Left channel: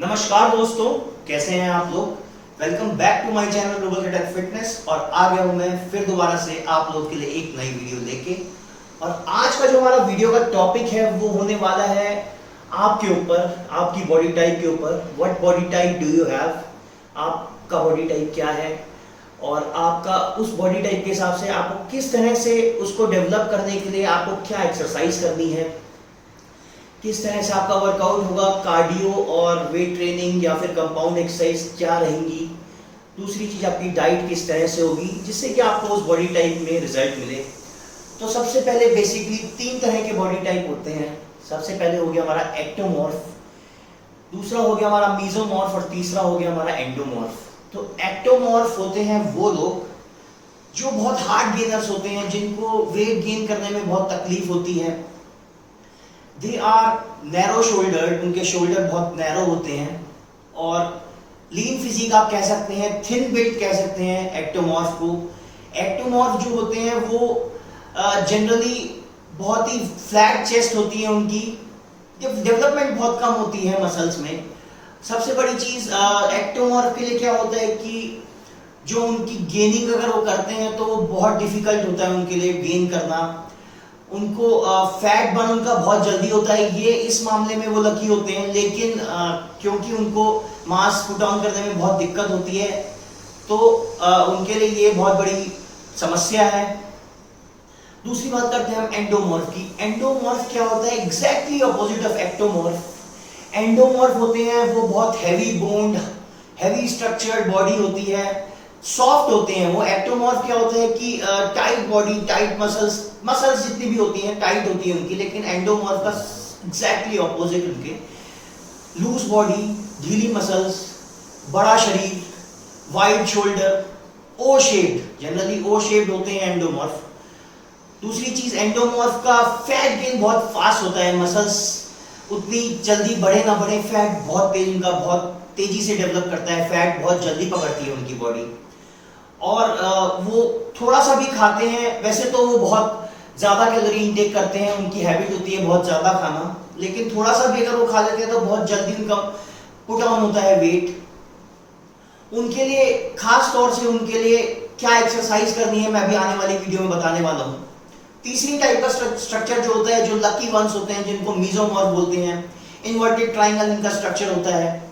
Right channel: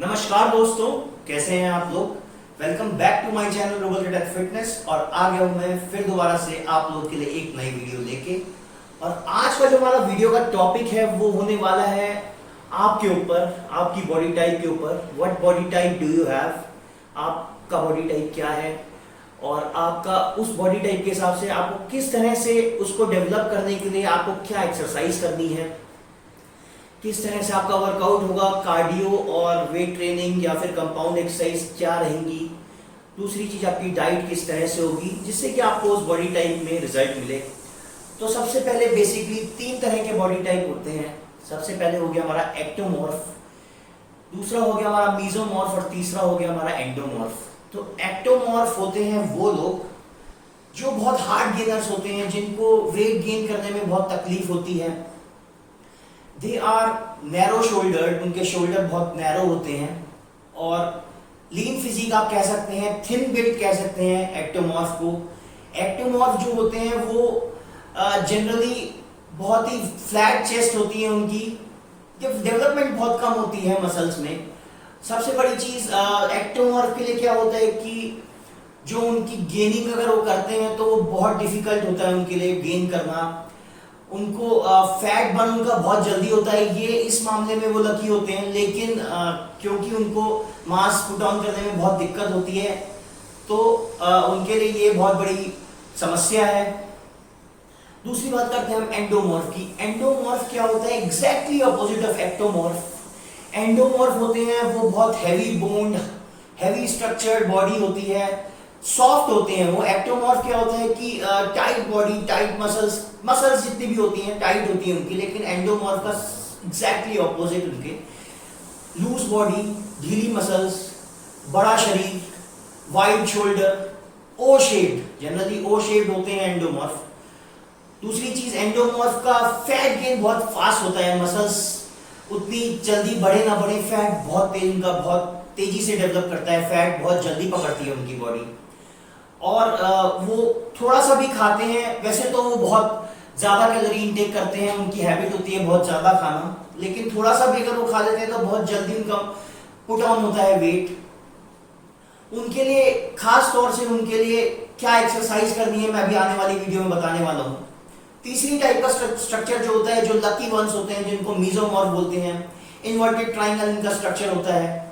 नमस्कार दोस्तों, कैसे हैं आप लोग। Welcome back to my channel global cadet fitness. और आ गया हूं मैं फिर दोबारा से आप लोग के लिए एक नई वीडियो लेके। और आज का जो हमारा वीडियो का टॉपिक है वो होने वाला है आपके ऊपर, आपकी बॉडी टाइप के ऊपर। What body type do you have, आपका बॉडी टाइप क्या है और आपका उस बॉडी टाइप के हिसाब से आपको किस तरह से उसको डेवलप करने के लिए आपको क्या एक्सरसाइज करनी है, किस तरह से आपका वर्कआउट होगा, कार्डियो और वेट ट्रेनिंग या फिर कंपाउंड एक्सरसाइज क्या रहेंगी। दूसरी चीज आपकी डाइट किस तरह से होगी जिससे कि आपको उस बॉडी टाइप में रिजल्ट मिले। तो सबसे पहले बेसिकली 3 तरह के बॉडी टाइप होते हैं। सबसे पहले हो गया हमारा एक्टोमॉर्फ, दूसरा हो गया हमारा मीजोमॉर्फ और तीसरा हो गया हमारा एंडोमॉर्फ। तो एक्टोमॉर्फ होते हैं वो लोग जो बहुत हार्ड गेनर्स होते हैं, जिनको वेट गेन करने में बहुत तकलीफ होती है। दे आर नैरो शोल्डर्ड, उनके शोल्डर बहुत नैरो होते हैं और लीन फिजिक आप कह सकते हैं, थिन बिल्ड कह सकते हैं एक्टोमॉर्फ को। एक्टोमॉर्फ जो होते हैं वो जनरली बहुत ही फ्लैट चेस्ट होती है, उनकी डेवलपमेंट बहुत कम होती है मसल्स में। सबसे बड़ी चीज एक्टोमॉर्फ के लिए क्या होता है कि जो उनकी गेनिंग अगर वो करते हैं तो वो बहुत डिफिकल्ट होता है उनके लिए गेन करना। उनको फैट बर्न उनका बहुत जल्दी होता है, ये इस मामले में वो लकी होते हैं। लेकिन क्योंकि उनको मास पुट ऑन करने में बहुत दिक्कत होती है तो उनके लिए ये बहुत बड़ी समस्या है। दूसरी बात करते हैं हम एंडोमॉर्फ की। एंडोमॉर्फ क्या होता है, exactly opposite of ectomorph. Endomorph होते हैं वो बहुत heavy bond, heavy structured body होती है, सॉफ्ट होते हैं वो। एक्टोमॉर्फ क्या होता है कि टाइट बॉडी, टाइट मसल्स जितनी भी होती हैं टाइट होती है उनकी। लेकिन एंडोमॉर्फ का एग्जैक्टली ऑपोजिट, उनके लूज बॉडी, ढीली मसल्स, बड़ा शरीर, वाइड शोल्डर, ओ शेप्ड, जनरली ओ शेप्ड होते हैं एंडोमॉर्फ। दूसरी चीज एंडोमॉर्फ का फैट गेन बहुत फास्ट होता है, मसल्स उतनी जल्दी बढ़े ना बढ़े, फैट बहुत तेज, उनका बहुत तेजी से डेवलप करता है, फैट बहुत जल्दी पकड़ती है उनकी बॉडी। और वो थोड़ा सा भी खाते हैं, वैसे तो वो बहुत ज्यादा कैलोरी इंटेक करते हैं, उनकी हैबिट होती है बहुत ज्यादा खाना, लेकिन थोड़ा सा भी अगर वो खा लेते हैं तो बहुत जल्दी उनका पुट ऑन होता है वेट। उनके लिए खास तौर से उनके लिए क्या एक्सरसाइज करनी है मैं अभी आने वाली वीडियो में बताने वाला हूँ। तीसरी टाइप का स्ट्रक्चर जो होता है, जो लकी वंस होते हैं, जिनको मीजोमॉर्फ बोलते हैं, इन्वर्टेड ट्राइंगल इनका स्ट्रक्चर होता है।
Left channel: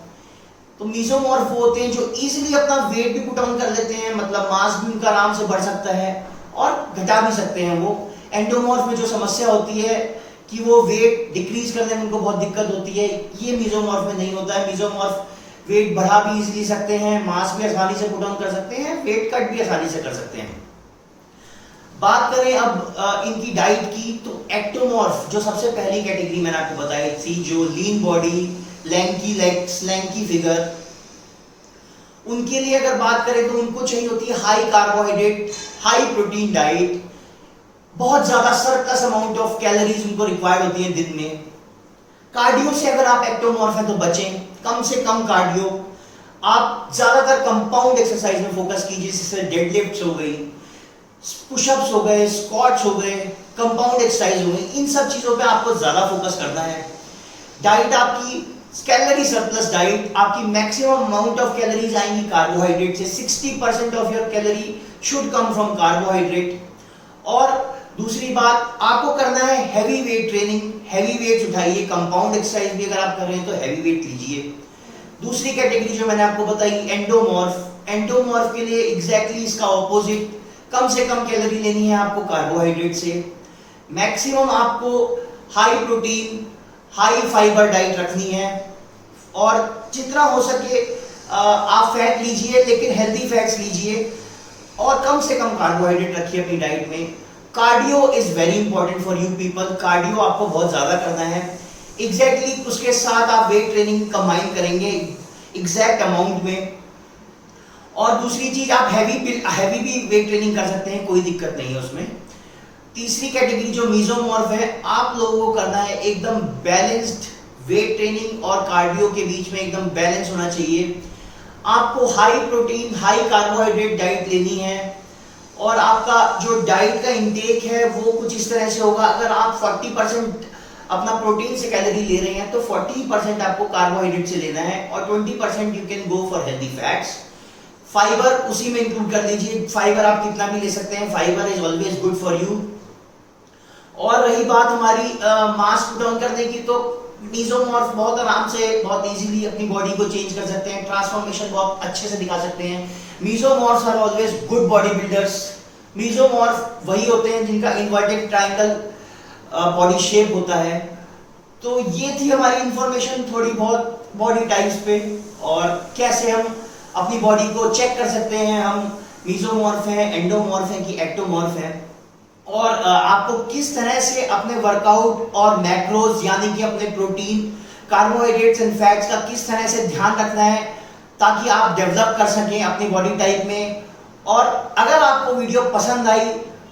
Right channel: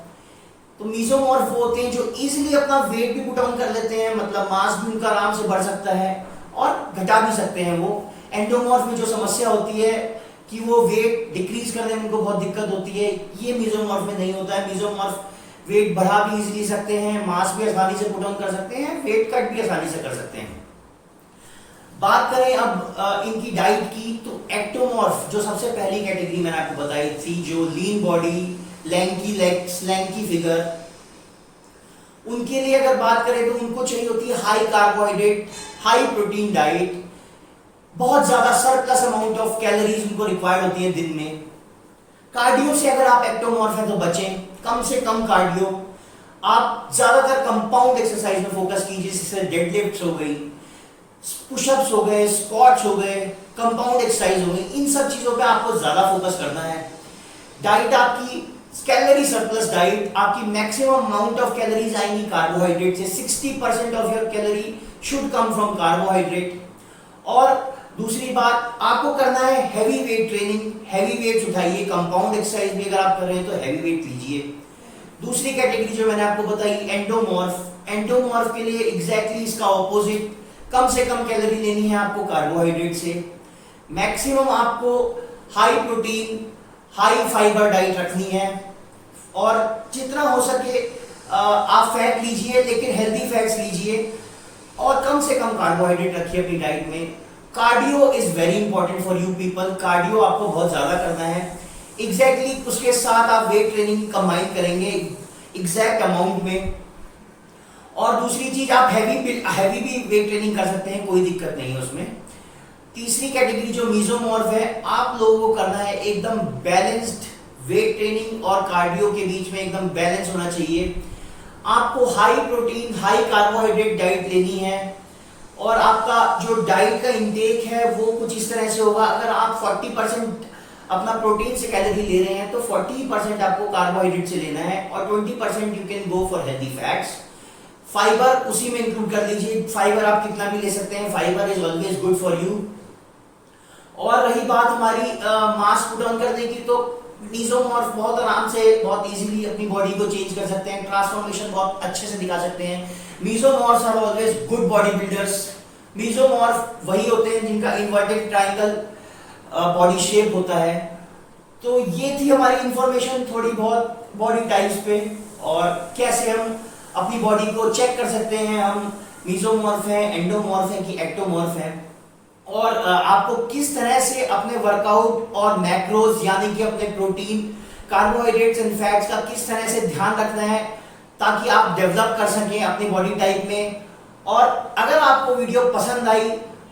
तो मीजोमॉर्फ वो होते हैं जो इजीली अपना वेट भी पुट ऑन कर लेते हैं, मतलब मास भी उनका आराम से बढ़ सकता है और घटा भी सकते हैं वो। एंडोमॉर्फ में जो समस्या होती है कि वो वेट डिक्रीज करने में उनको बहुत दिक्कत होती है, ये मीजोमॉर्फ में नहीं होता है। मीजोमॉर्फ वेट बढ़ा भी इजीली सकते हैं, मास भी आसानी से पुट ऑन कर सकते हैं, वेट कट भी आसानी से कर सकते हैं। बात करें अब इनकी डाइट की, तो एक्टोमॉर्फ जो सबसे पहली कैटेगरी मैंने आपको बताई थी, जो lean body, lanky legs, lanky figure, उनके लिए अगर बात करें तो उनको चाहिए होती है high carbohydrate, high protein diet. बहुत ज्यादा सरप्लस अमाउंट ऑफ कैलोरीज उनको रिक्वायर्ड होती है दिन में। कार्डियो से अगर आप एक्टोमॉर्फ हैं तो बचें, कम से कम कार्डियो। आप ज्यादातर कंपाउंड एक्सरसाइज में फोकस कीजिए, जैसे डेडलिफ्ट्स हो गई, पुशअप्स हो गए, स्क्वाट्स हो गए, कंपाउंड एक्सरसाइज हो गई, इन सब चीजों पे आपको ज्यादा फोकस करना है। डाइट आपकी कैलोरी सरप्लस डाइट, आपकी मैक्सिमम अमाउंट ऑफ कैलोरीज आएंगी कार्बोहाइड्रेट से। 60% of your calorie should come from carbohydrate. और दूसरी बात, आपको करना है heavy weight training, heavy weights उठाइए। कंपाउंड एक्सरसाइज भी अगर आप कर रहे हैं तो हैवी वेट लीजिए। दूसरी कैटेगरी जो मैंने आपको बताई एंडोमॉर्फ, एंडोमॉर्फ के लिए एग्जैक्टली इसका ऑपोजिट, कम से कम कैलोरी लेनी है आपको कार्बोहाइड्रेट से। मैक्सिमम आपको high protein, high fibre diet रखनी है और जितना हो सके आप फैट लीजिए, लेकिन हेल्दी फैट्स लीजिए और कम से कम कार्बोहाइड्रेट रखिए अपनी डाइट में। Cardio is very important for you people, cardio आपको बहुत ज्यादा करना है। एग्जैक्टली उसके साथ आप वेट ट्रेनिंग कंबाइन करेंगे एग्जैक्ट अमाउंट में। और दूसरी चीज, आप हैवी भी वेट ट्रेनिंग कर सकते हैं, कोई दिक्कत नहीं है उसमें। तीसरी कैटेगरी जो मीजोमॉर्फ है, आप लोगों को करना है एकदम बैलेंस्ड वेट ट्रेनिंग और कार्डियो के बीच में एकदम बैलेंस होना चाहिए। आपको high protein, high carbohydrate diet लेनी है और आपका जो डाइट का इंटेक है वो कुछ इस तरह से होगा। अगर आप 40% अपना प्रोटीन से कैलोरी ले रहे हैं तो 40% आपको कार्बोहाइड्रेट से लेना है और 20% you can go for healthy fats. Fibre उसी में इंक्लूड कर लीजिए, फाइबर आप कितना भी ले सकते हैं, fibre is always good for you. और रही बात हमारी मास पुट ऑन करने की, तो मीजोमॉर्फ बहुत आराम से बहुत इजीली अपनी बॉडी को चेंज कर सकते हैं, ट्रांसफॉर्मेशन बहुत अच्छे से दिखा सकते हैं। Mesomorphs are always good body builders. Mesomorph वही होते हैं जिनका इन्वर्टेड ट्रायंगल बॉडी शेप होता है। तो ये थी हमारी इंफॉर्मेशन थोड़ी बहुत बॉडी टाइप्स पे और कैसे हम अपनी बॉडी को चेक कर सकते हैं, हम मीजोमॉर्फ हैं, एंडोमॉर्फ हैं कि एक्टोमॉर्फ हैं, और आपको किस तरह से अपने वर्कआउट और मैक्रोज यानी कि अपने प्रोटीन, कार्बोहाइड्रेट्स एंड फैट्स का किस तरह से ध्यान रखना है ताकि आप डेवलप कर सकें अपनी बॉडी टाइप में। और अगर आपको वीडियो पसंद आई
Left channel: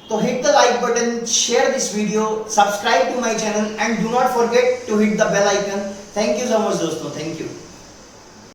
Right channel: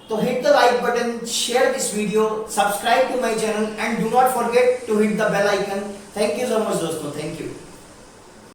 तो hit the like button, share this video, subscribe to my channel and do not forget to hit the bell icon. Thank you so much दोस्तों, थैंक यू।